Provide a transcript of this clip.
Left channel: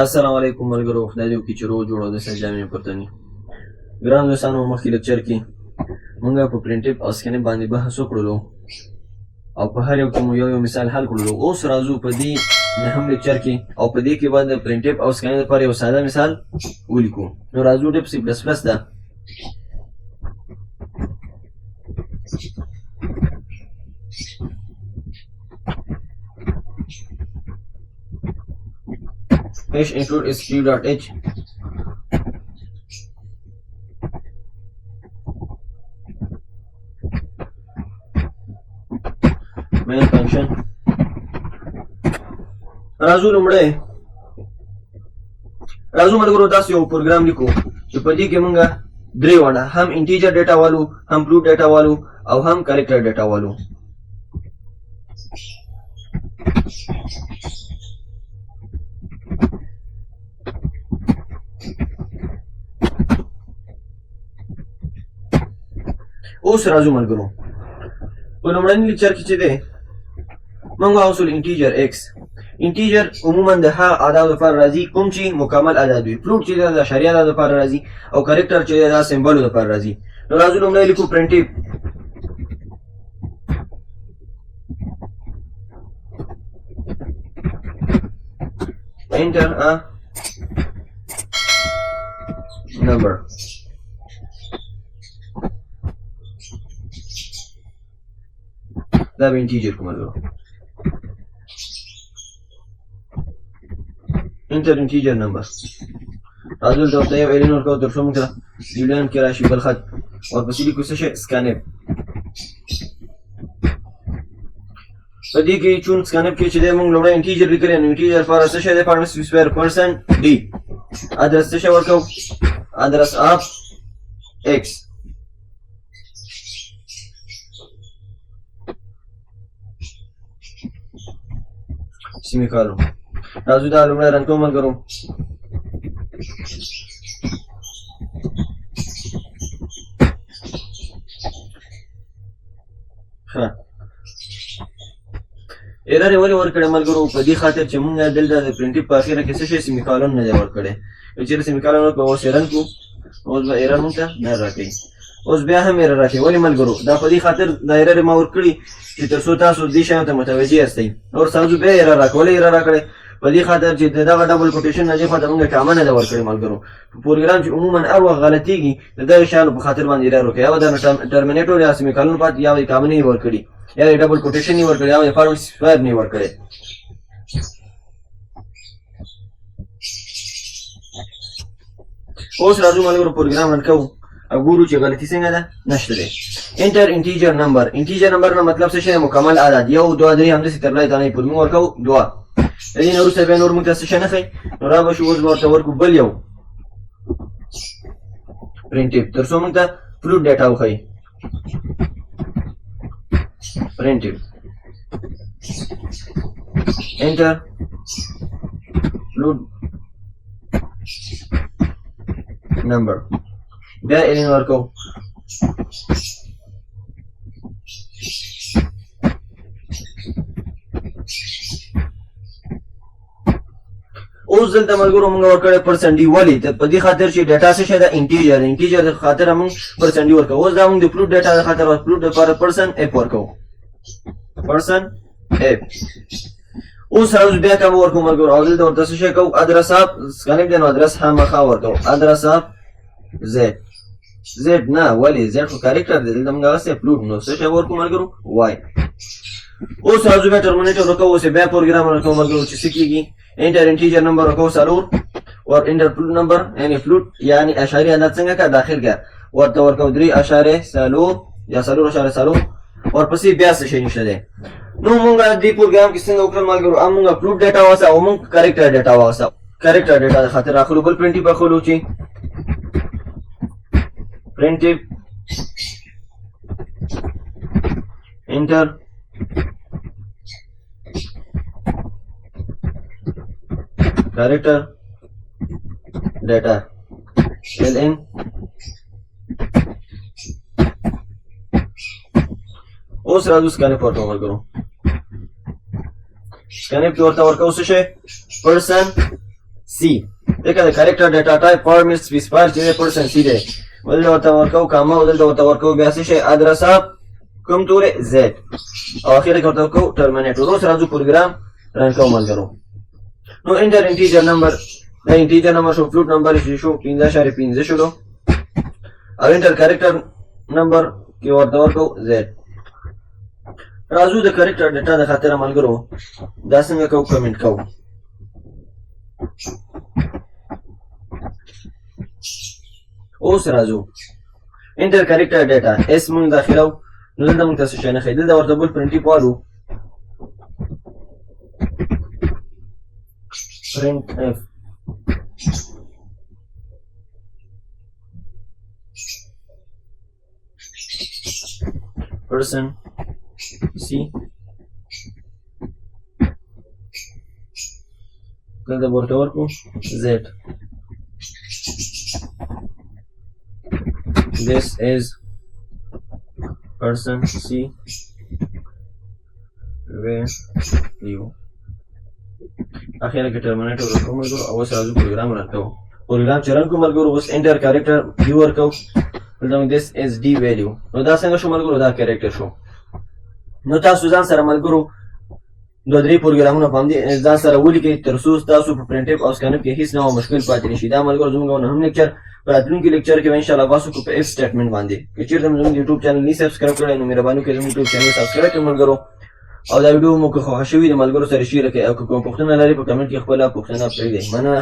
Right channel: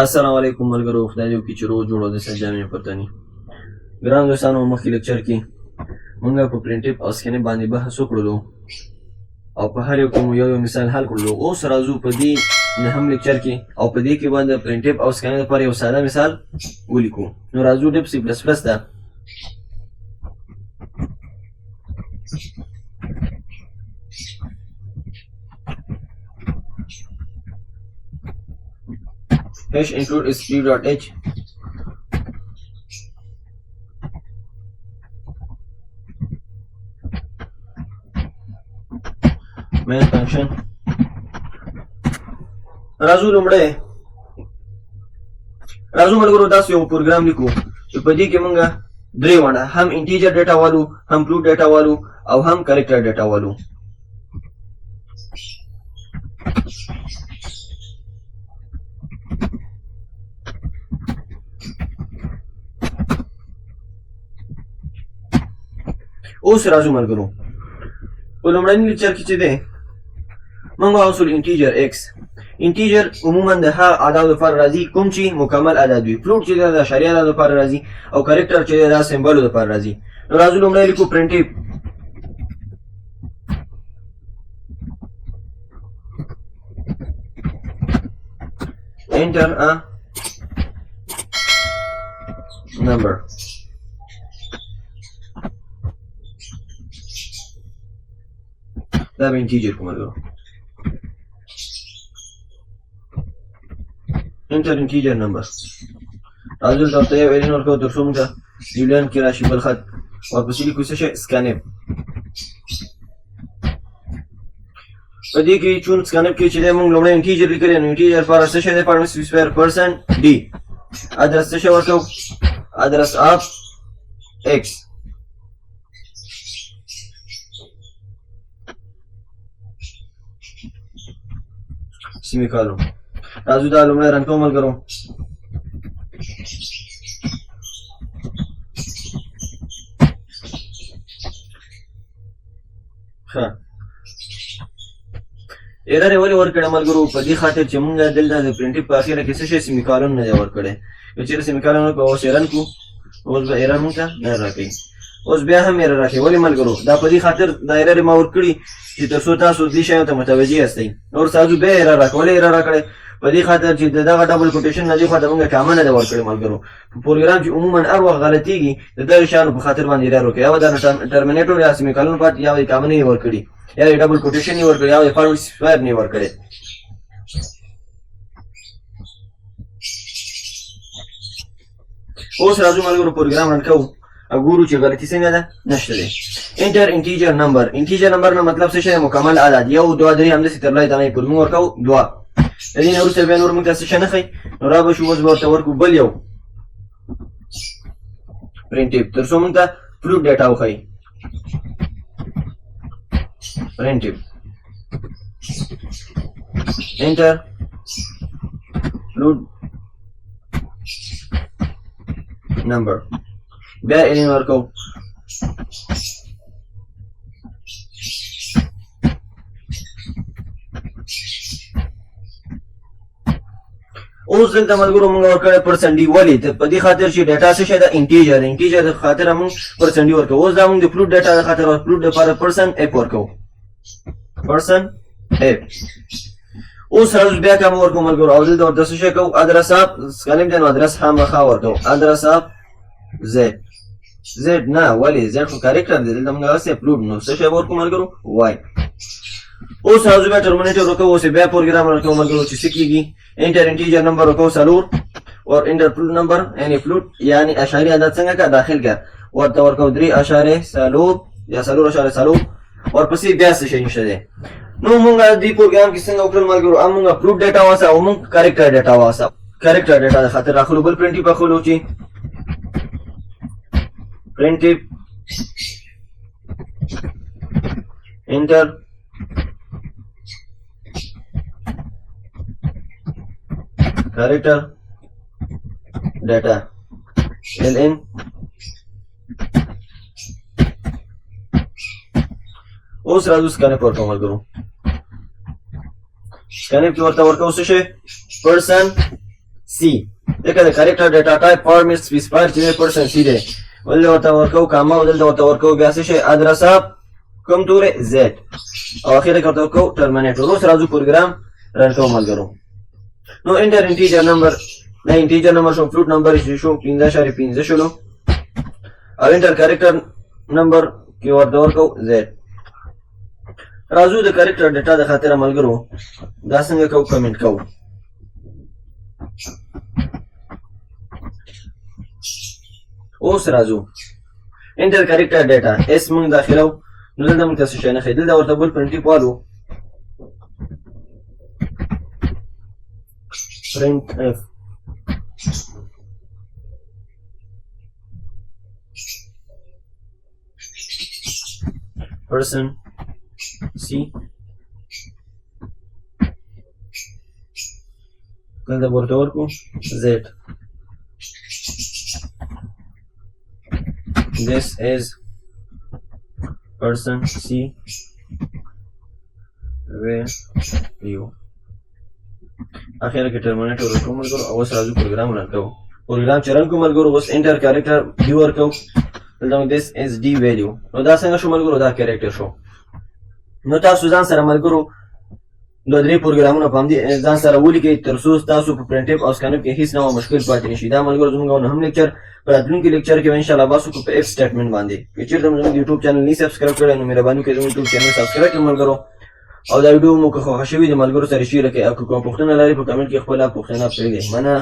السلام علیکم ملګرو، خدای دې وکړي چې روغ جوړ او د سر جامې پرته ني. ګران دوستانو، مخکې لیکچر کې موږ په پرنټف او سکینف باندې بحث وکړلو او په هر یو کې مو یو مثال حل کړلو. اوس راځو په دې نهم لیکچر کې او په دې کې باندې پرنټف او سکینف لپاره یو ساده مثال ولیکو. نو راځو ټپ سی پلس پلس ده. H include string.h main function. راځو ملګرو داسې یو پروګرام لیکو چې په دې کې موږ درې واړه هم انټیجر ډیټا والو، هم فلوټ ډیټا والو او هم کریکټر ډیټا والو. اوس راځو ملګرو په لومړني لیکچر کې چې دی موږ واوسول انټیجر x. انټیجر عموما د ها اعداد لپاره راځي کوم چې مکمل اعداد وي. فلوټ چې دی د اشاریه اعداد لپاره راځي او کریکټر چې دی د سمبولو لپاره راځي. نو راځو لومړی لیکو پرنټف. enter a number. دا به انټیجر کوم ملګرو. انټر انټیجر نمبر. راځو دلته یو الین ورکو تر څو موږ جولیان کې راشي بل خط ورپسې لیکو څه شی سکانف. په دې کې چون سکانف کې چې دی موږ لومړی انټیجر لیکلی نو انټیجر لپاره څه شی دی پارمس سکویر پرسنټ ډي. ادرس څه شی ورکو؟ ادرس اف ایکس. سیمیکالون. راځو دا لومړی رن کوو ملګرو. ښه ایرر یې ولې ورکړی ملګرو؟ په دې خاطر چې موږ دلته د پرنټف په اخره کې څه شی سیمیکالون نه دی ورکړی. که چېرې سیمیکالون ورکړو اوس یې رن کړو، اوس به ایرر موږ ته نه راکوي. اوس بیا هم ایرر راکوي. ولې ملګرو؟ دا په دې خاطر دا ایرر یې ما ورکړي چې تر څو تاسو دې شیانو ته متوجه یاستئ. اوس راځو بیا ایرر راکړو. ولې ایرر راکړی؟ په دې خاطر چې دغه ډبل کوټیشن نه دې خوا ته موږ کامه نه ده ورکړې ملګرو. په پروګرام چې عموما هر وخت غلطېږي د دغې شیانو په خاطر باندې ایرر ورکوي. یا به د ټرمینیټور یا سیمیکالون پاتې، یا به یې کامه نه یې ورکړي، یا یې ډبل کوټیشن یې ورکړي، یا به یې فارم سکویر نه یې ورکړی. اوس راځو ملګرو پروګرام رن کوو او ګورو چې غلطي څنګه ده. نشته دی. انټر انټیجر نمبر. انټیجر نمبر نه مطلب څه شی دی؟ مکمل اعداد. 1 2 3 همداسې تر لای دغه یې پورې موږ ورکوو 2. د دې نه وروسته بیا نور موږ ته څه شی نه ښایي. نو را به شو اوس به ورته ورکړو بل یو پرنټف تر څو موږ ته فلوټ ډیټا وښایي. printf enter float number. بیا الین ورکو. اوس دلته ملګرو موږ ورکړی پرسنټ ډي. ولې؟ په دې خاطر چې ډیټا څه شی ده؟ انټیجر. انټیجر د خاطر موږ پرسنټ ډي ورکوو. اوس دا موږ د فلوټ ډیټا د خاطر فلوټ لپاره پرسنټ اف ورکوو. پرسنټ اف. اوس راځو بیا کوم ورکوو ملګرو. او دلته ورته څه شی کوو؟ ادرس اف سکانف دی نو ادرس خامخا ورکوو. ادرس اف زد. زد نه، ولې؟ زد خو کریکټر دی. دلته موږ هغسې فلوټ نو څه شی ورکوو ملګرو؟ وای. اوس راځو بیا ټرمینیټر ورکوو. اوس بیا پروګرام ورکوو ملګرو چې څه کېږي. انټر انټیجر نمبر ورکوو 4 اور انټر فلوټ نمبر یعنې فلوټ یعنې اشاریه عدد څنګه کا داخل کړه. ورته ورکوو 3.4 یا 4.4 ورپسې بیا څه شی نشته دی. نو موږ دې پروګرام کې څنګه وکړل ملګرو؟ موږ فلوټ ډیټا واوسه او موږ کریکټر ډیټا واوسه. کریکټر ډیټا د خاطر راخلو بل پرنټف اخلو چې printf enter character data ln اوس راځو سکانف ورته ملګرو. سکانف کې ورته ورکوو څه شی؟ پرسن سی دغه د کریکټر ډیټا ټایپ فارمیټ سپیسیفایر چې پرسن سی دی ولې ورته ورکو کاما ولې ورته ورکو بیا څه شي ادرس اپ کوم تورې زد او اخر کې ورته ورکو ټرمینیټور اوس راځو پروګرام رن کوو ملګرو نو انټر انټیجر نمبر دا انټیجر نمبر شو فلوټ نمبر شو 15.15 شلو او انټر کریکټر نمبر کې ورته ورکو زد راځو د کریکټر ډیټا د خاطر ملګرو دا څنګه کوو کمنټ کوو اوس راځو انټر کریکټر ډیټا اس موږ داخلو نو دلته موږ تاسو شي نه خېدل دا ورته بل پرنټي پالو printf person c دلته ورته ورکو z this is person c where you اخیرا کې ټرمینیټور ورکوم ملګرو او اوس راځو پروګرام رن کوو پروګرام چې رن کوو ملګرو اوس انټر کریکټر دی ورکوو دلته this is d value نو دا څنګه شو ملګرو دا کریکټر شو نو تاسو ځان سره ملګرو دوه درې پروګرامونه په همدې ځان سره ولیکئ تر څو تاسو په پرنټ او سکانف کې هیڅ ډول مشکل پاتې نشي دا ملګرو زموږ نه هم لیکچر په راتلونکي لیکچر کې ان شاء الله باسو په اف سټیټمنټ باندې که چیرته زموږ یوټیوب چینل نه سبسکرایب کړئ نو مهرباني وکړئ زموږ یوټیوب چینل سبسکرایب کړئ ملګرو او دا ویډیو مو که خوښ شوی د ملګرو سره شیر کړئ او کوم پوښتنه لرئ په کمنټ کې خپل پوښتنه پرېږدئ مننه